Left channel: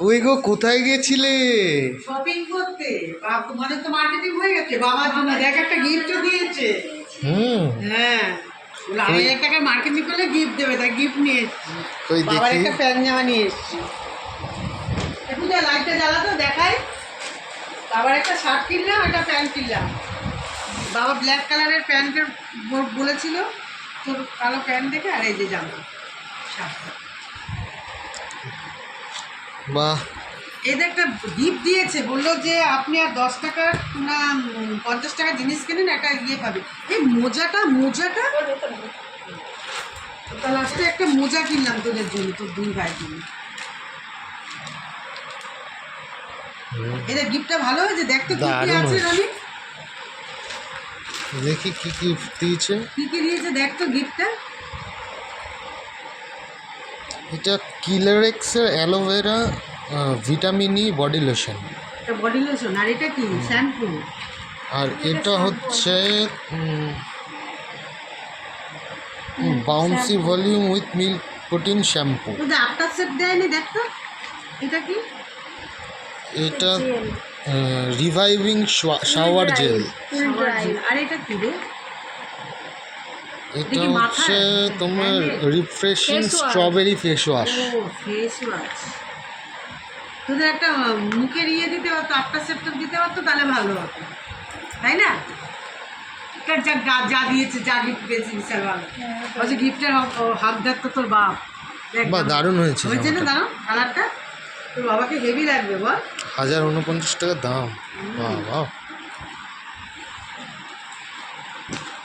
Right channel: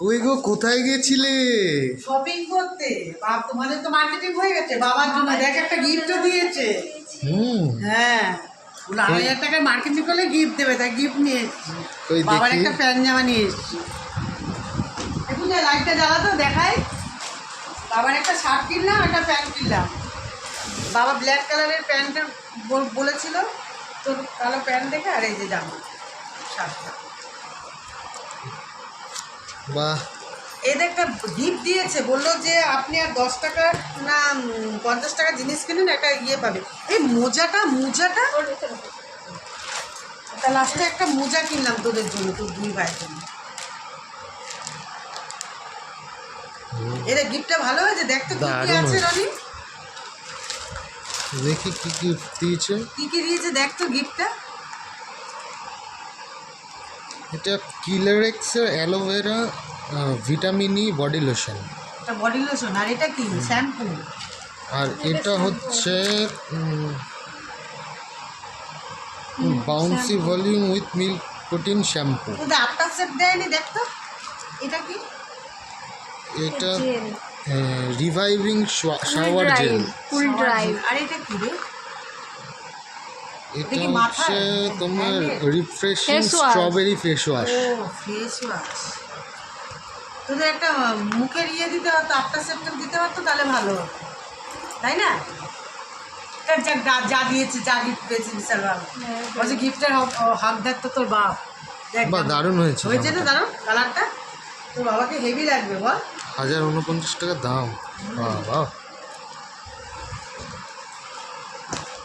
কই গো, কোথায় গেছিলে? শপিং করতে। বাবা, তোমাদের তো মার্কেটিং হয়ে গেছে। বাবার জন্য দেখ একটা গিফটও দিয়েছে। হ্যাঁ, বলে 2,500 টাকার মার্কেটিং করলে গিফট দেবে, তাই গিফট নিয়ে এসেছি। কই বাবার দেখি। একটা প্যান্ট জামা নিয়ে এসেছি। একটু যা লাইটটা জ্বালাতো দেখাই। বাবার একটা শার্ট কিনলাম, একটা প্যান্ট কিনলাম। বাবা ব্ল্যাক কালারের প্যান্টের বলেছিল, তোর কালো প্যান্ট দেখে, আর এই যে জামা শার্টটা। বাহ, এদের একটা গিফট দিয়েছে, বললো যে আপনি আর 10 টাকার না 50 টাকার জিনিস কিনেন, একটা ইয়ে পাবে। এই মোজাটা তা লাস্টে একটা মোজা কিনলাম তোদের জন্য, তোর 2 ভাইয়ের জন্য। এদের গিফটটা ভালো হয়েছে, দেখতে কি কি দারুণ আছে হয়েছে। রনি, দেখি কি কি দিয়েছে। কি কি দিয়েছে দেখ তো গিফটটা। এটা কিলারেক্সের aloe vera vitamin E body lotion. এটা বডি লোশন, আর এটা কি শ্যাম্পু। আর এটা হচ্ছে bouncy volume with milk protein shampoo. তোদের আফটার সেট দেয়নি, দেখ তো এটা কি। এটা রিভাইভিং শাওয়ার জেল। আর এটা কি রে? এটা হচ্ছে তোমার রিফ্রেশিং স্ট্রবেরি ফেস ওয়াশ। ও ফেস ওয়াশ। তোদের একটা মুখের ইয়ে দিতে পারতো, আফটার সেপ্টেম দিতে পারতো, তাহলে ভালো হতো, তাই না? যা দিয়েছে, যা গিফট পেয়েছি, বিশাল ভালো। বলছি গিফটের হকদার তো তোর বাপ। দেখ বাহ, দারুণ হয়েছে হয়েছে না? জামাটা। দাঁড়াও, কালারটা তোর বাবাকে হেভি লাগবে বল। 1049 টাকা দাম। বাহ বাহ।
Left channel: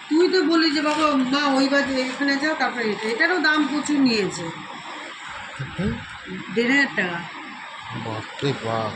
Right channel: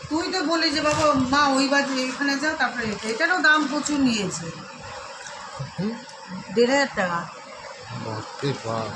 তুই তো বলি যে বাবা মা ওই বাজে এখানে যাও, তারপরে এটারও দাম প্রচুর নিয়েছে, 1,500 টাকা। বাপরে বাপ।